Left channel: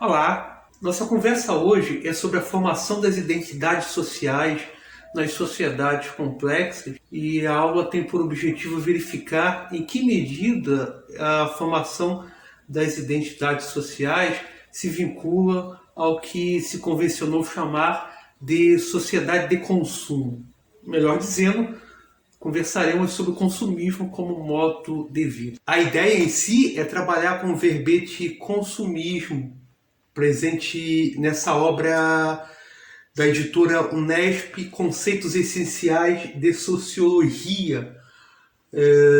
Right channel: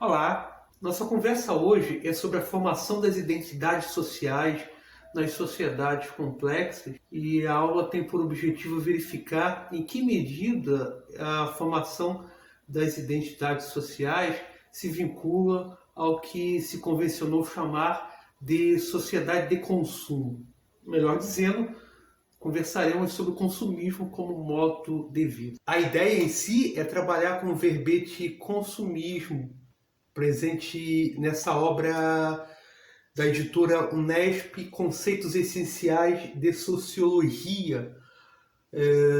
Olá, nossa conversa hoje é sobre a formação das identidades sociais nas sociedades complexas e a aula tem por objetivo verificar em que medida a formação das identidades sociais se vincula ao que se convencionou chamar de sociedade de consumo. Melhor dizendo, conversaremos sobre o consumismo como modo de vida. A ideia em si é trabalhar com o verbete consumismo, presente nessa obra da editora Unesp, Conceitos Essenciais de Sociologia,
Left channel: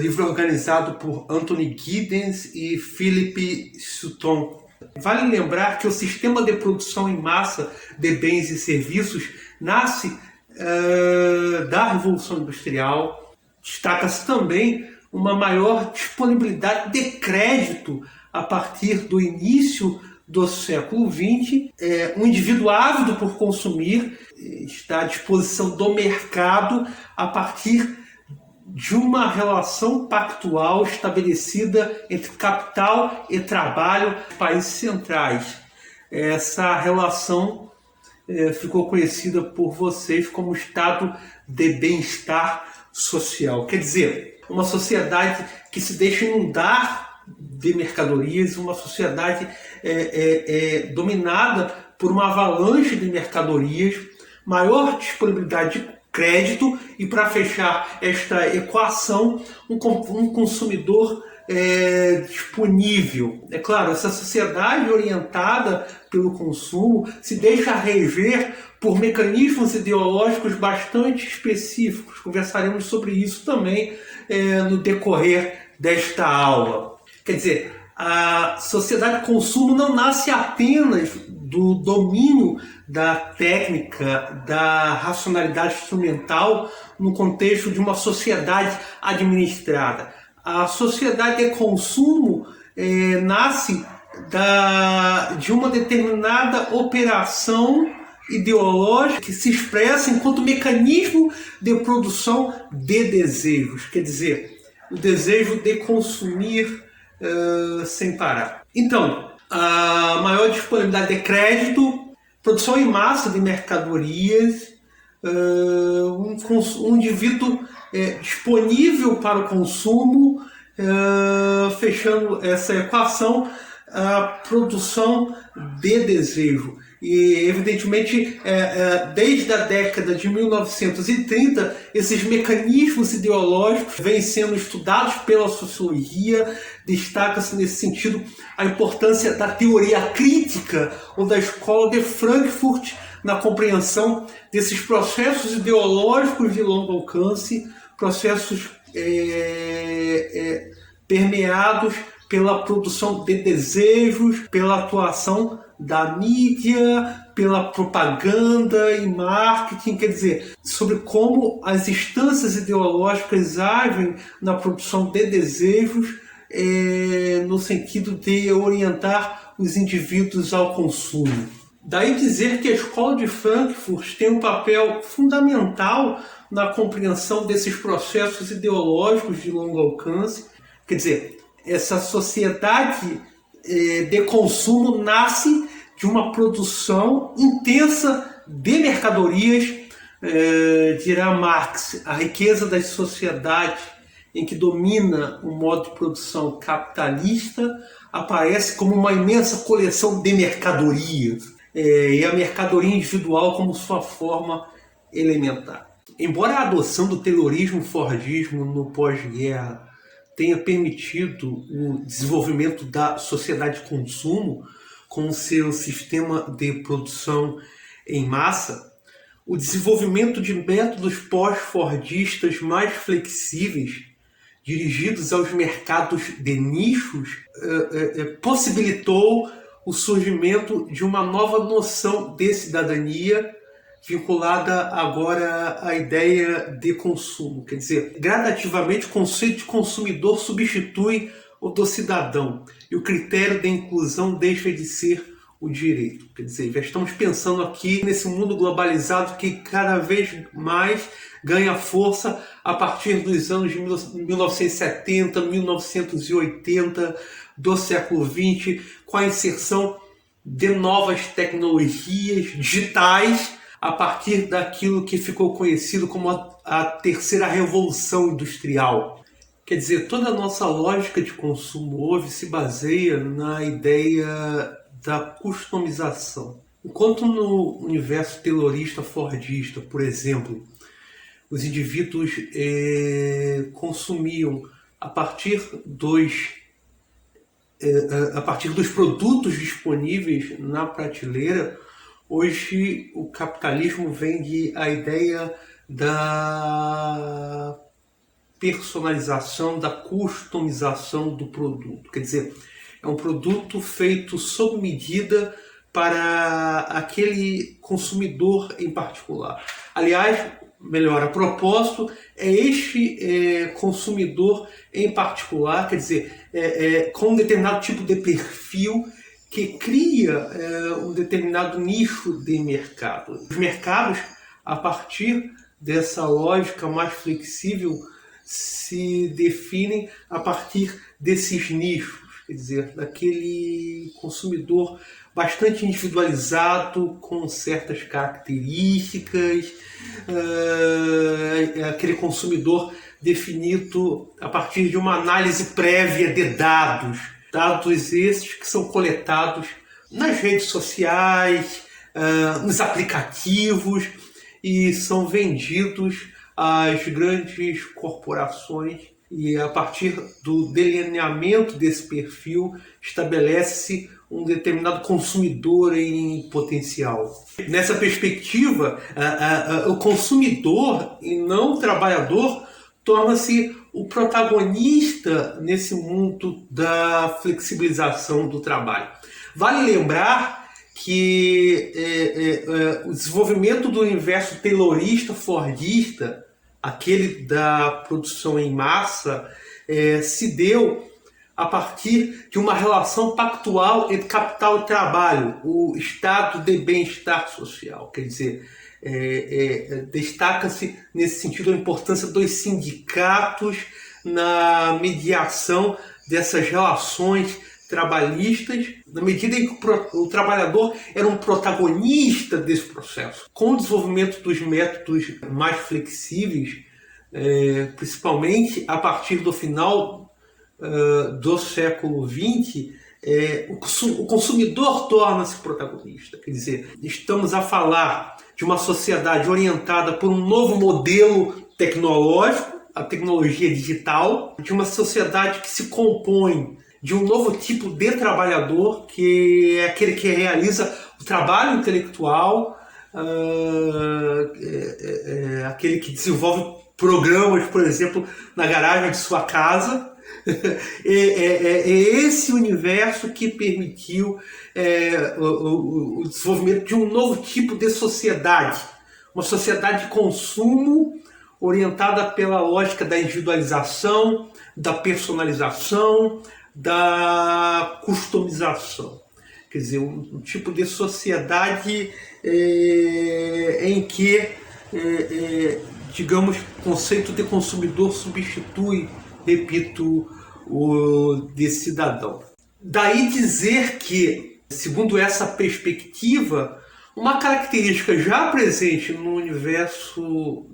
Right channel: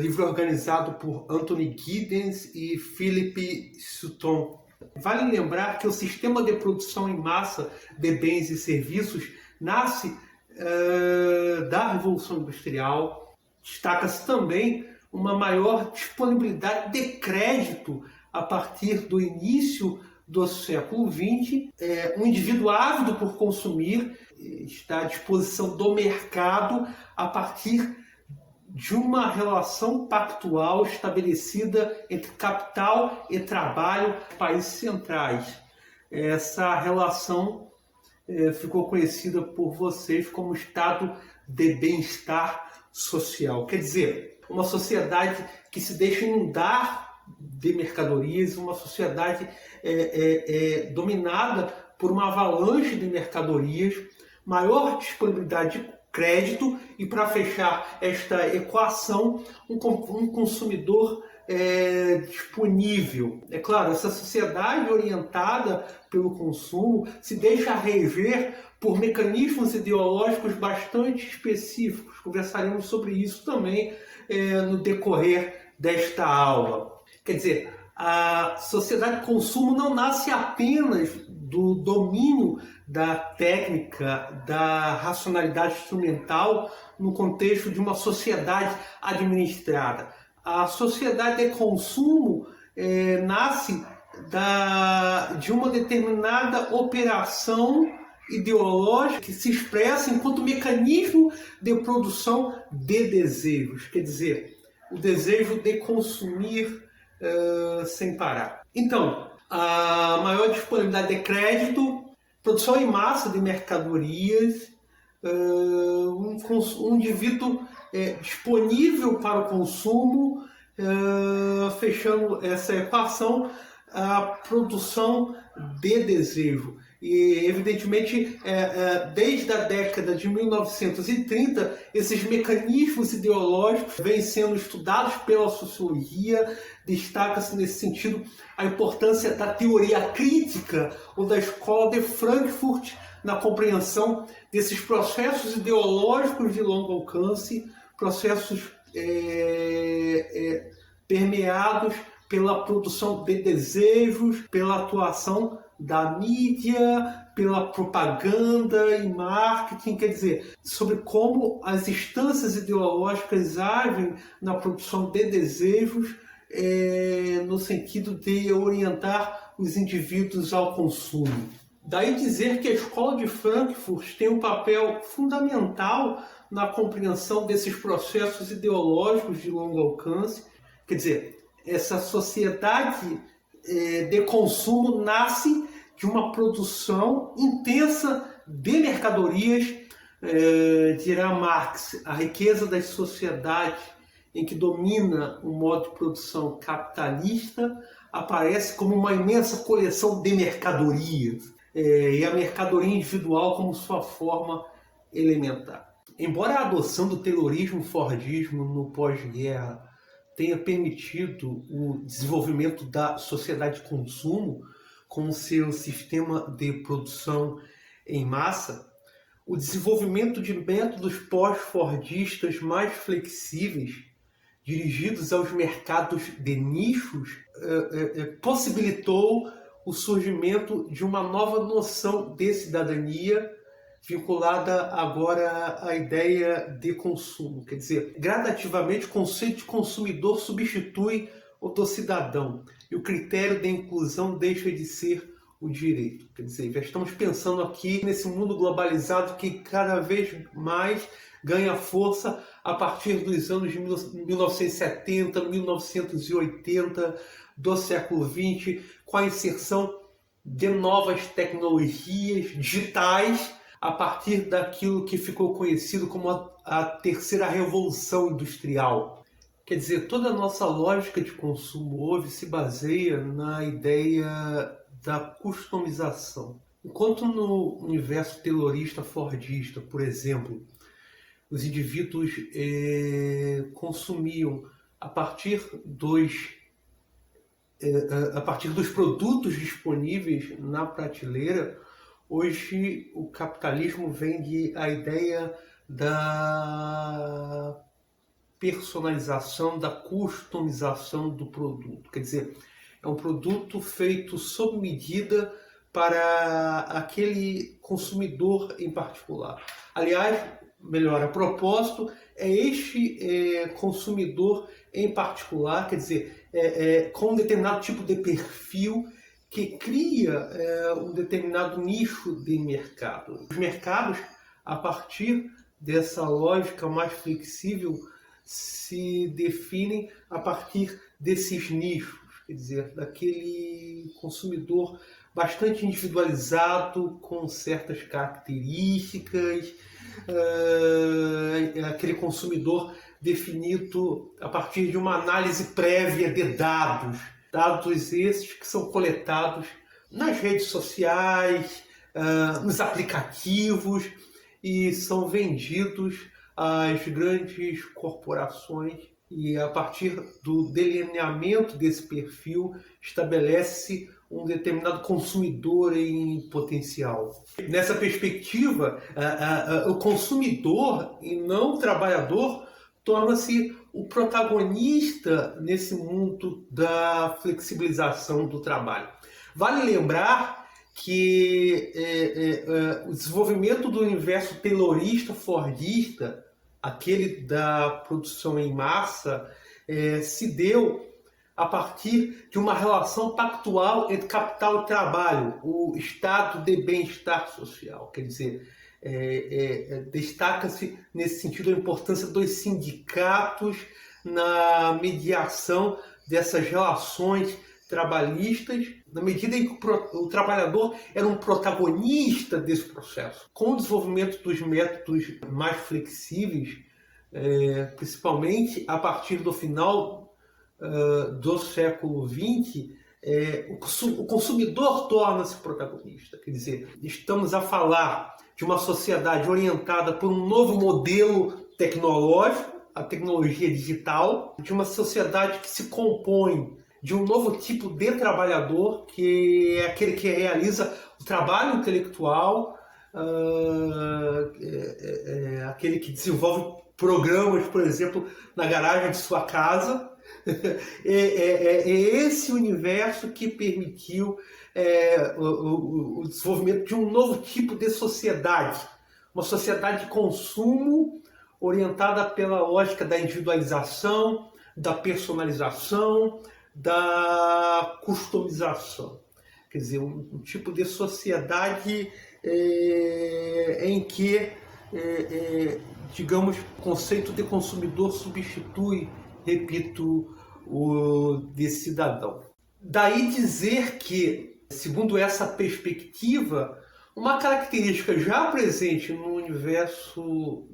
livro organizado por Anthony Giddens e Philip Sutton. Vale lembrar que o sistema de produção em massa de bens e serviços nasce da Revolução Industrial. Destaca-se também uma maior disponibilidade de crédito a partir do início do século XX. Um indivíduo ávido por consumir está à disposição do mercado a partir de uma relação pactual estabelecida entre capital e trabalho nos países centrais. Essa relação ficou conhecida por vocês como estado de bem-estar social. Quer dizer, uma sociedade que se deixa inundar de mercadorias, uma sociedade dominada por uma avalanche de mercadorias, maior disponibilidade de crédito e, para fechar esta equação, um consumidor disponível. É claro, essa sociedade orientada pelo consumo se deixa reger por mecanismos ideológicos bastante específicos. Conversaremos sobre isso também no decorrer desta aula. Quer dizer, a sociedade de consumo não nasce apenas do domínio da técnica, da racionalidade instrumental no contexto de uma sociedade administrada. A sociedade de consumo nasce de uma determinada operação ideológica que se expressa enquanto mecanismo de produção de desejos, quer dizer, o desejo de consumir sem parar. Então, a maior disponibilidade de crédito, produção em massa de mercadorias, um indivíduo disponível para o consumo, fechando essa equação, a produção de desejo. E, evidentemente, desde a década de 1930, esses mecanismos ideológicos vêm sendo estudados pela sociologia. Destaca-se, nesse sentido, a importância da teoria crítica ou da escola de Frankfurt na compreensão desses processos ideológicos de longo alcance, processos permeados pela produção de desejos, pela atuação da mídia, pela propaganda e marketing, quer dizer, sobre como as instâncias ideológicas agem na produção de desejos no sentido de orientar os indivíduos ao consumo. Daí dizer que a escola de Frankfurt tem um papel fundamental na compreensão desses processos ideológicos de longo alcance. Quer dizer, essa sociedade de consumo nasce de uma produção intensa de mercadorias. Dirá Marx, a riqueza das sociedades em que domina o modo de produção capitalista aparece como uma imensa coleção de mercadorias, e a mercadoria individual como sua forma elementar. Embora a adoção do taylorismo-fordismo no pós-guerra tenha permitido o desenvolvimento da sociedade de consumo com seu sistema de produção em massa, o desenvolvimento de métodos pós-fordistas mais flexíveis, dirigidos aos mercados de nichos, possibilitou o surgimento de uma nova noção de cidadania vinculada agora à ideia de consumo. Quer dizer, gradativamente o conceito de consumidor substitui o do cidadão e o critério de inclusão deixa de ser o direito. Quer dizer, já estamos pensando aqui nesse mundo globalizado que cada vez mais ganha força a partir dos anos de 1970, 1980, do século XX, com a inserção de novas tecnologias digitais a partir daquilo que ficou conhecido como a terceira revolução industrial. Quer dizer, toda a nossa lógica de consumo hoje se baseia na ideia da customização. Enquanto no universo taylorista fordista, por exemplo, os indivíduos consumiam a partir dos produtos disponíveis na prateleira, hoje o capitalismo vende a ideia da personalização, da customização do produto. Quer dizer, é um produto feito sob medida para aquele consumidor em particular. Aliás, melhor, a propósito, é este consumidor em particular, quer dizer, com um determinado tipo de perfil que cria um determinado nicho de mercado. Os mercados, a partir dessa lógica mais flexível, se definem a partir desses nichos, quer dizer, daquele consumidor bastante individualizado, com certas características, aquele consumidor definido a partir de uma análise prévia de dados esses que são coletados nas redes sociais, nos aplicativos e são vendidos às grandes corporações, e a partir do delineamento desse perfil estabelece-se um determinado consumidor em potencial. Nessa perspectiva, o consumidor e não o trabalhador torna-se o protagonista nesse mundo da flexibilização do trabalho. Vale lembrar que o desenvolvimento do universo taylorista fordista, aquele da produção em massa, se deu a partir de uma relação pactual entre capital e trabalho, o estado de bem-estar social. Quer dizer, destaca-se nesse sentido a importância dos sindicatos na mediação dessas relações trabalhistas, na medida em que o trabalhador era um protagonista desse processo. Com o desenvolvimento dos métodos mais flexíveis, principalmente a partir do final do século XX, o consumidor torna-se protagonista. Quer dizer, estamos a falar de uma sociedade orientada por um novo modelo tecnológico, a tecnologia digital, de uma sociedade que se compõe de um novo tipo de trabalhador, que é aquele que realiza o trabalho intelectual, aquele que desenvolve programas, por exemplo, na garagem de sua casa. É esse universo que permitiu o desenvolvimento de um novo tipo de sociedade, uma sociedade de consumo orientada pela lógica da individualização, da personalização, da customização. Quer dizer, um tipo de sociedade em que, digamos, o conceito de consumidor substitui, repito, o de cidadão. Daí dizer que, segundo essa perspectiva, uma característica já presente no universo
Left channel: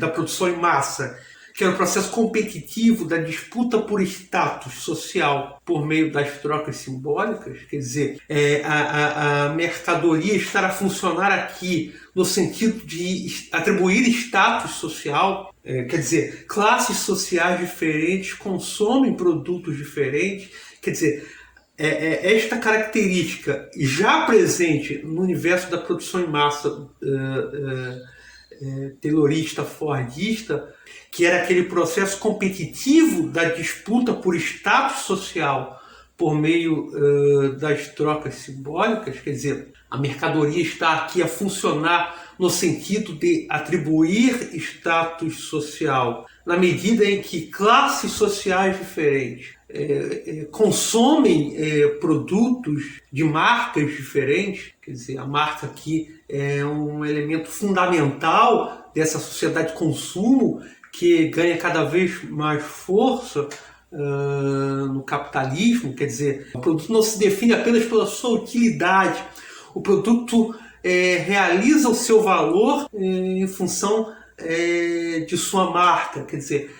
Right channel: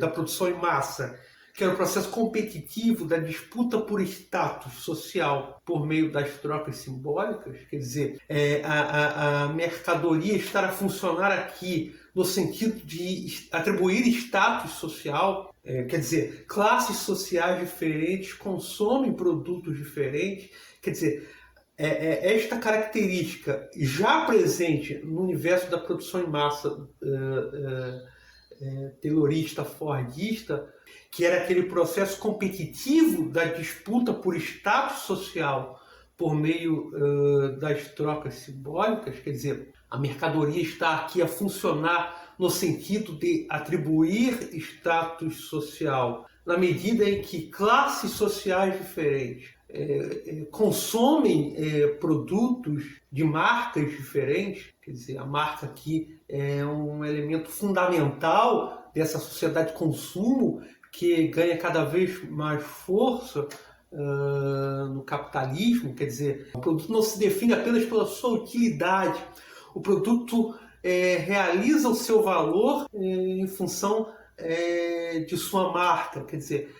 da produção em massa, que era o processo competitivo da disputa por status social por meio das trocas simbólicas, quer dizer, a mercadoria estar a funcionar aqui no sentido de atribuir status social, quer dizer, classes sociais diferentes consomem produtos diferentes, quer dizer, esta característica já presente no universo da produção em massa taylorista, fordista, que era aquele processo competitivo da disputa por status social por meio das trocas simbólicas, quer dizer, a mercadoria está aqui a funcionar no sentido de atribuir status social, na medida em que classes sociais diferentes consomem produtos de marcas diferentes, quer dizer, a marca aqui é um elemento fundamental dessa sociedade de consumo que ganha cada vez mais força no capitalismo, quer dizer, o produto não se define apenas pela sua utilidade, o produto realiza o seu valor em função de sua marca, quer dizer,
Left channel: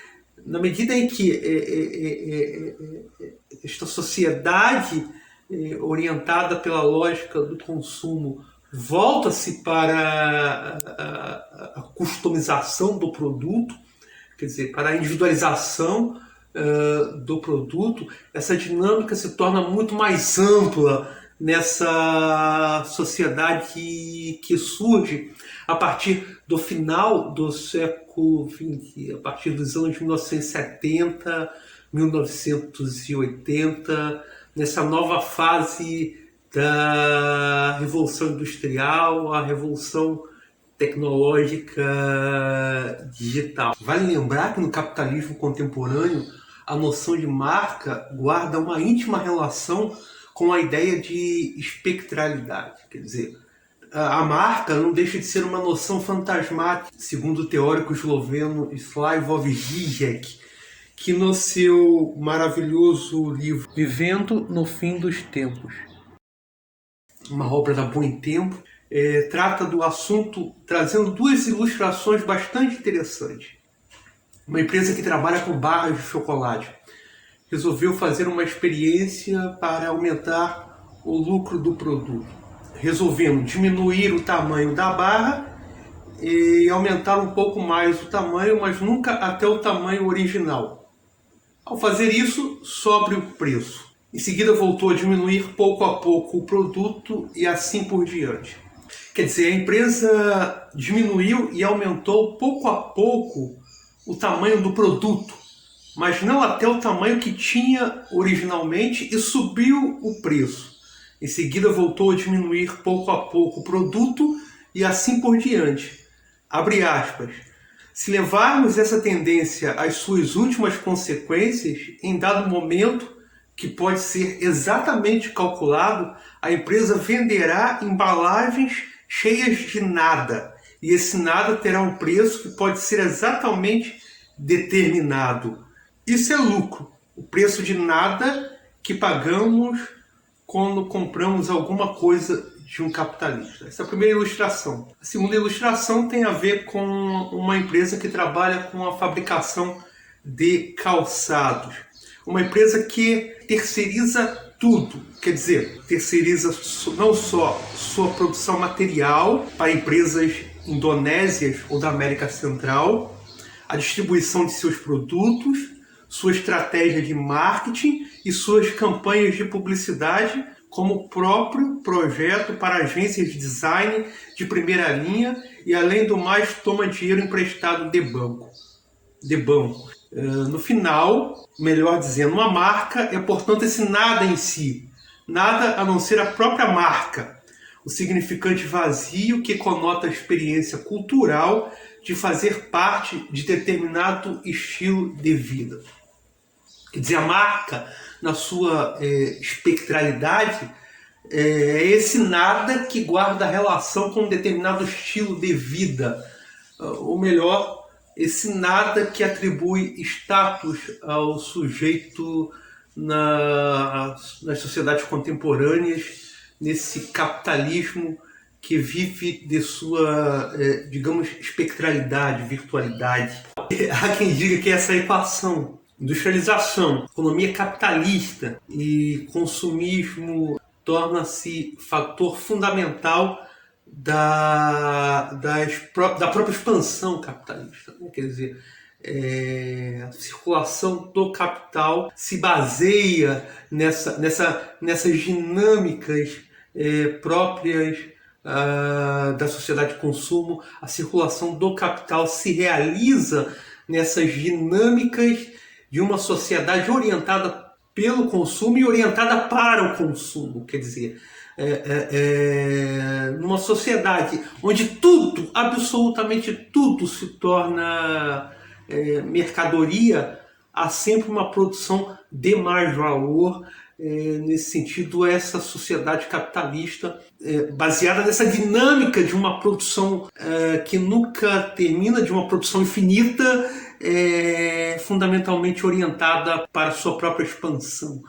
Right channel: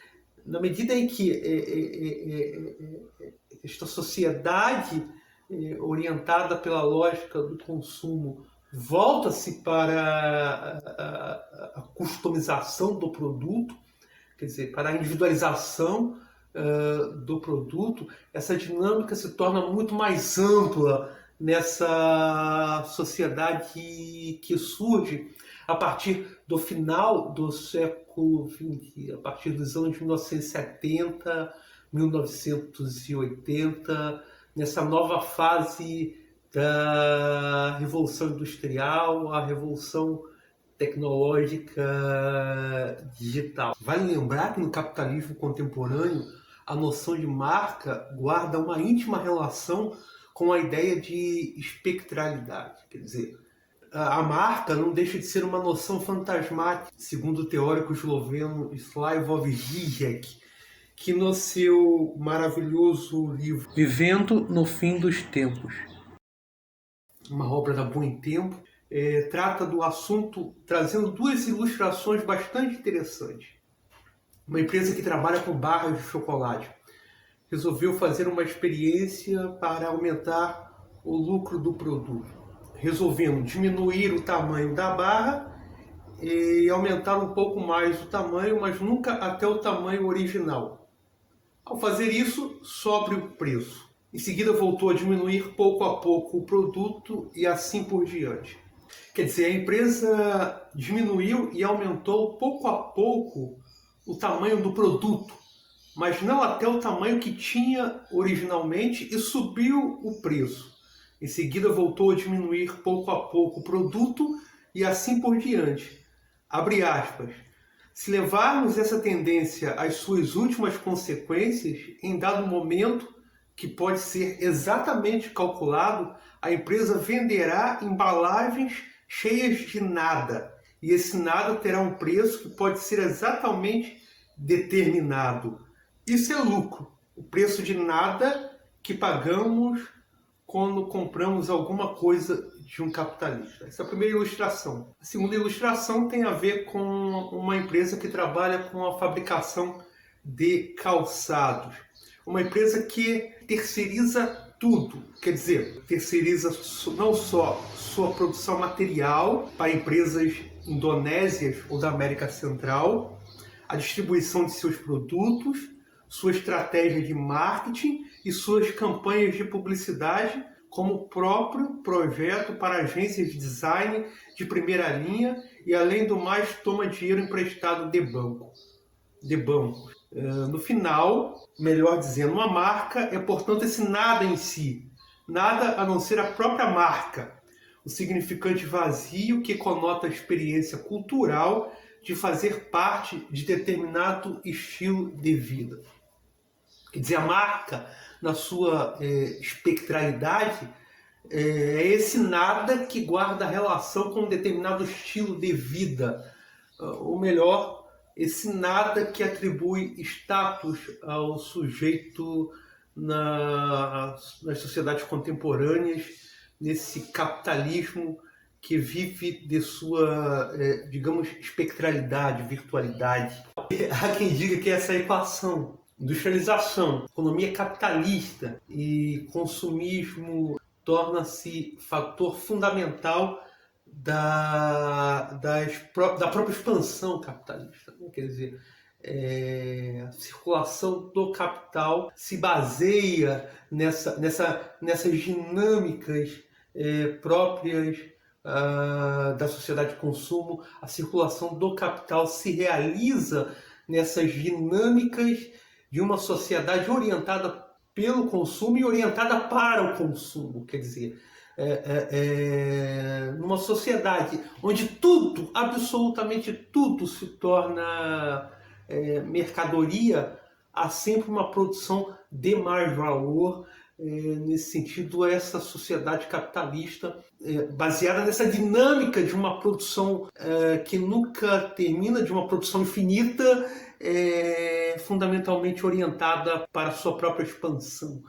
na medida em que esta sociedade orientada pela lógica do consumo volta-se para a customização do produto, quer dizer, para a individualização do produto, essa dinâmica se torna muito mais ampla nessa sociedade que surge a partir do final do século XX, a partir dos anos 1970, 1980, nessa nova fase da Revolução Industrial, a Revolução Tecnológica Digital. Vale lembrar que no capitalismo contemporâneo a noção de marca guarda uma íntima relação com a ideia de espectralidade, quer dizer, a marca não deixa de ser uma noção fantasmática, segundo o teórico esloveno Slavoj Žižek, que no seu maravilhoso livro Vivendo no Fim dos Tempos, uma obra da Boa em Tempo, trata do assunto trazendo duas ilustrações bastante interessantes. Uma empresa que trabalha com barras de chocolate resolveu fazer uma experiência para aumentar o lucro do produto, resolvendo diminuir o tamanho da barra e aumentar um pouco mais o tamanho, mas nunca até o tamanho original. Ao fazer isso, sobe o preço. Em seguida voltou a diminuir pouco a pouco o produto e assim por diante. Quer dizer, a empresa diminuiu e aumentou pouco a pouco o tamanho do produto, mas não até o tamanho que tinha originalmente, e subiu o preço. Em seguida voltou a diminuir pouco a pouco o produto e assim por diante. Abre aspas. Se levarmos essa tendência às suas últimas consequências, em dado momento, que pode ser exatamente calculado, a empresa venderá embalagens cheias de nada, e esse nada terá um preço que pode ser exatamente determinado. Isso é lucro, o preço de nada que pagamos quando compramos alguma coisa de um capitalista. Essa é a primeira ilustração. A segunda ilustração tem a ver com uma empresa que trabalha com a fabricação de calçados. Uma empresa que terceiriza tudo, quer dizer, terceiriza não só sua produção material para empresas indonésias ou da América Central, a distribuição de seus produtos, sua estratégia de marketing e suas campanhas de publicidade, como o próprio projeto para agências de design de primeira linha e, além do mais, toma dinheiro emprestado de banco. No final, melhor dizendo, uma marca é, portanto, esse nada em si, nada a não ser a própria marca, o significante vazio que conota a experiência cultural de fazer parte de determinado estilo de vida. Quer dizer, a marca, na sua espectralidade, é esse nada que guarda relação com um determinado estilo de vida, ou melhor, esse nada que atribui status ao sujeito nas sociedades contemporâneas, nesse capitalismo que vive de sua, digamos, espectralidade, virtualidade. Há quem diga que essa equação, industrialização, economia capitalista e consumismo torna-se fator fundamental da própria expansão capitalista, né? Quer dizer, a circulação do capital se baseia nessas dinâmicas próprias da sociedade de consumo. A circulação do capital se realiza nessas dinâmicas de uma sociedade orientada pelo consumo e orientada para o consumo, quer dizer, numa sociedade onde tudo, absolutamente tudo, se torna mercadoria, há sempre uma produção de mais valor. Nesse sentido, essa sociedade capitalista, baseada nessa dinâmica de uma produção que nunca termina, de uma produção infinita, fundamentalmente orientada para a sua própria expansão.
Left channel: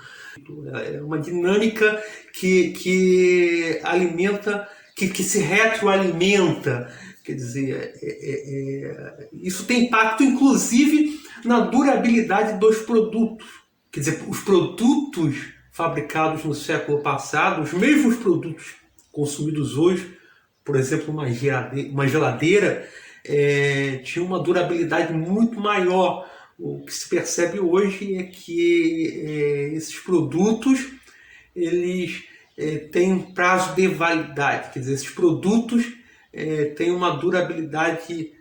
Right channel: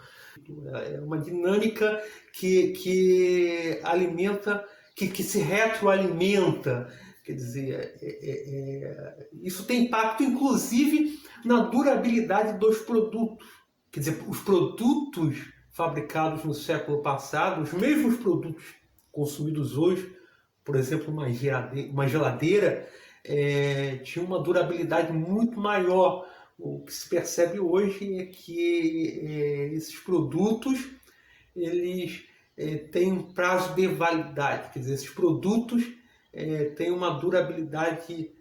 É uma dinâmica que alimenta, que se retroalimenta. Quer dizer, isso tem impacto, inclusive, na durabilidade dos produtos. Quer dizer, os produtos fabricados no século passado, os mesmos produtos consumidos hoje, por exemplo, uma geladeira, tinha uma durabilidade muito maior. O que se percebe hoje é que esses produtos eles têm um prazo de validade, quer dizer, esses produtos têm uma durabilidade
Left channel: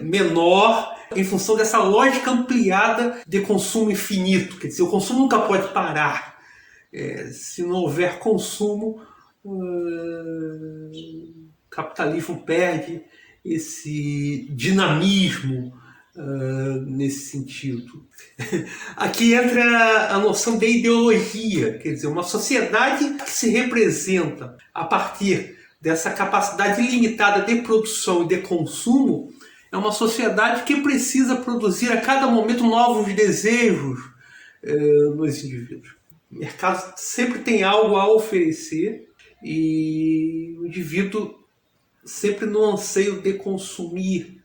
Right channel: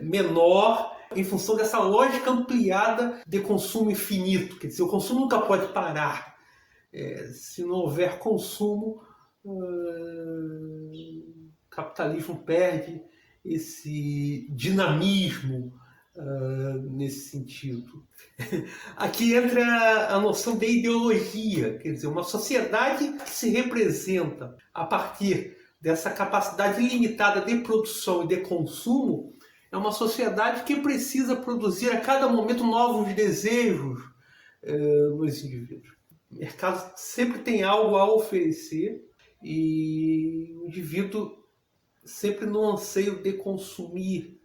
menor em função dessa lógica ampliada de consumo infinito. Quer dizer, o consumo nunca pode parar. Se não houver consumo, o capitalismo perde esse dinamismo nesse sentido. Aqui entra a noção de ideologia, quer dizer, uma sociedade que se representa a partir dessa capacidade ilimitada de produção e de consumo é uma sociedade que precisa produzir a cada momento novos desejos nos indivíduos. O mercado sempre tem algo a oferecer e o indivíduo sempre no anseio de consumir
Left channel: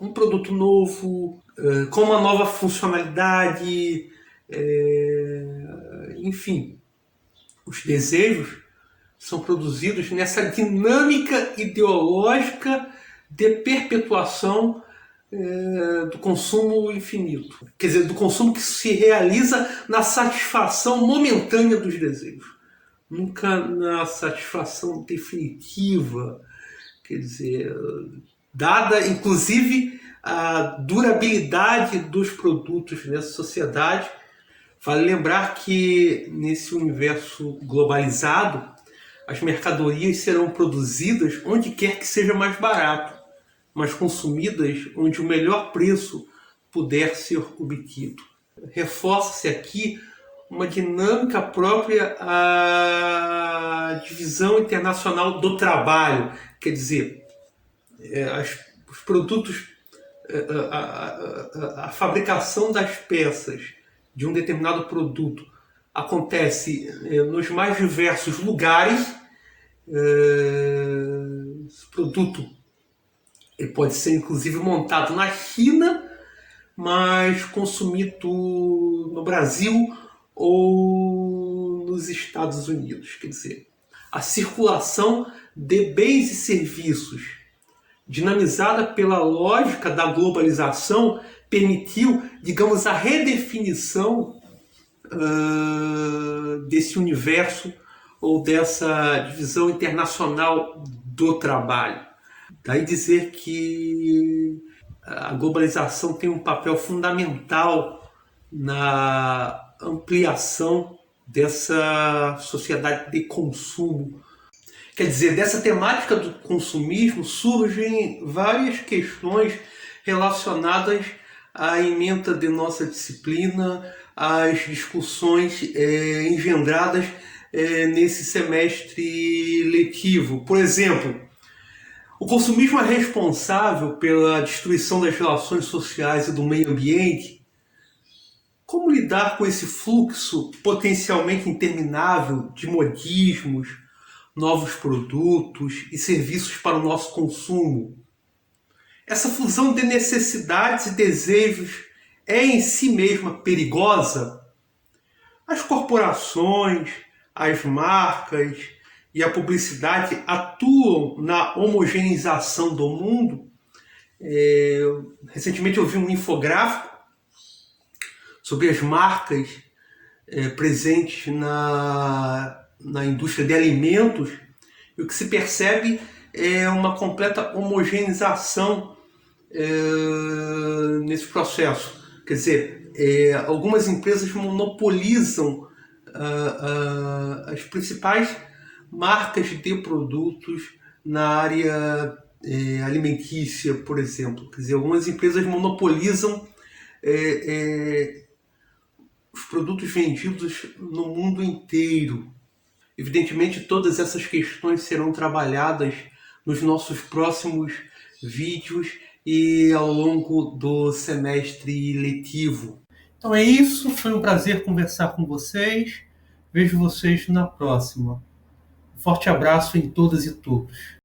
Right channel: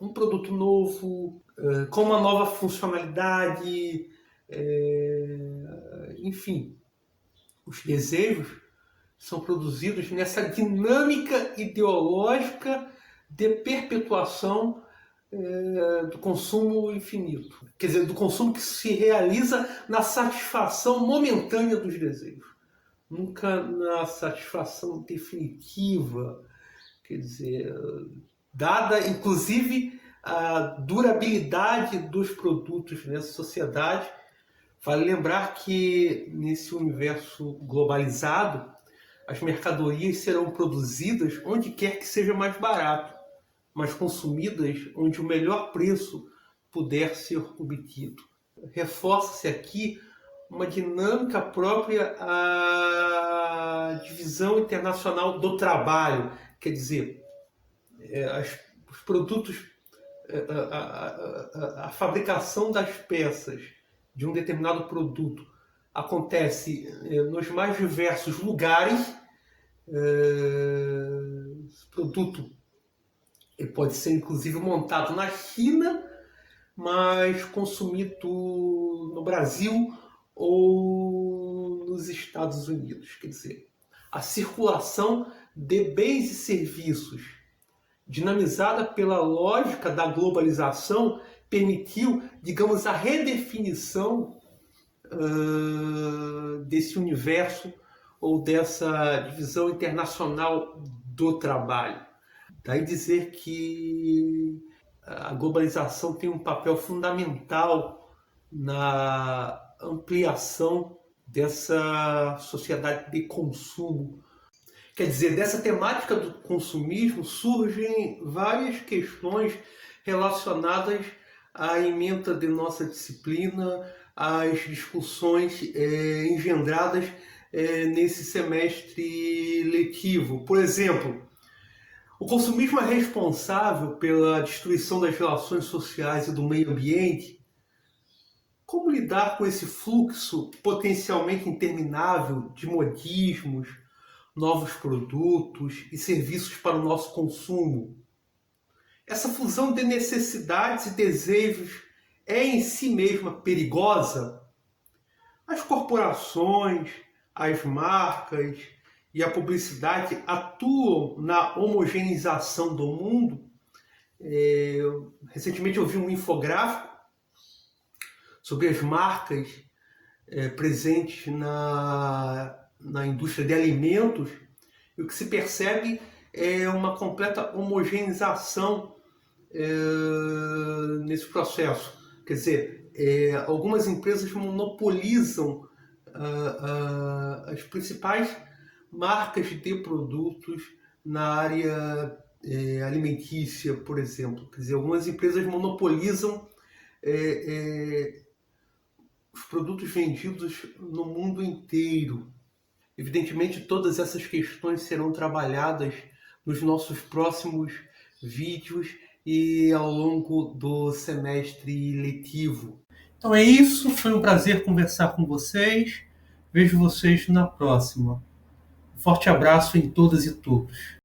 um produto novo, com uma nova funcionalidade, enfim. Os desejos são produzidos nessa dinâmica ideológica de perpetuação do consumo infinito. Quer dizer, do consumo que se realiza na satisfação momentânea dos desejos. Nunca na satisfação definitiva. Quer dizer, dada inclusive a durabilidade dos produtos nessa sociedade, vale lembrar que nesse universo globalizado, as mercadorias serão produzidas onde quer que seja mais barato, mas consumidas onde o melhor preço puder ser obtido. Reforça-se aqui uma dinâmica própria à divisão internacional do trabalho, quer dizer, os produtos, a fabricação das peças de um determinado produto acontece nos mais diversos lugares. Esse produto ele pode ser inclusive montado na China, mas consumido no Brasil ou nos Estados Unidos. Quer dizer, a circulação de bens e serviços, dinamizada pela lógica da globalização, permitiu, digamos, a redefinição desse universo ou dessa divisão internacional do trabalho. Daí dizer que a globalização tem um papel fundamental na ampliação dessa sociedade de consumo. Quer dizer, dessa temática do consumismo surgem várias questões relacionadas à ementa de nossa disciplina, às discussões engendradas nesse semestre letivo. Por exemplo, o consumismo é responsável pela destruição das relações sociais e do meio ambiente? Como lidar com esse fluxo potencialmente interminável de modismos, novos produtos e serviços para o nosso consumo? Essa fusão de necessidades e desejos é em si mesma perigosa? As corporações, as marcas e a publicidade atuam na homogeneização do mundo. Recentemente eu vi um infográfico sobre as marcas presentes na indústria de alimentos, e o que se percebe é uma completa homogeneização nesse processo. Quer dizer, algumas empresas monopolizam as principais marcas de produtos na área alimentícia, por exemplo. Quer dizer, algumas empresas monopolizam os produtos vendidos no mundo inteiro. Evidentemente, todas essas questões serão trabalhadas nos nossos próximos vídeos e ao longo do semestre letivo. Então é isso, foi um prazer conversar com vocês. Vejo vocês na próxima. Um forte abraço em todas e todos.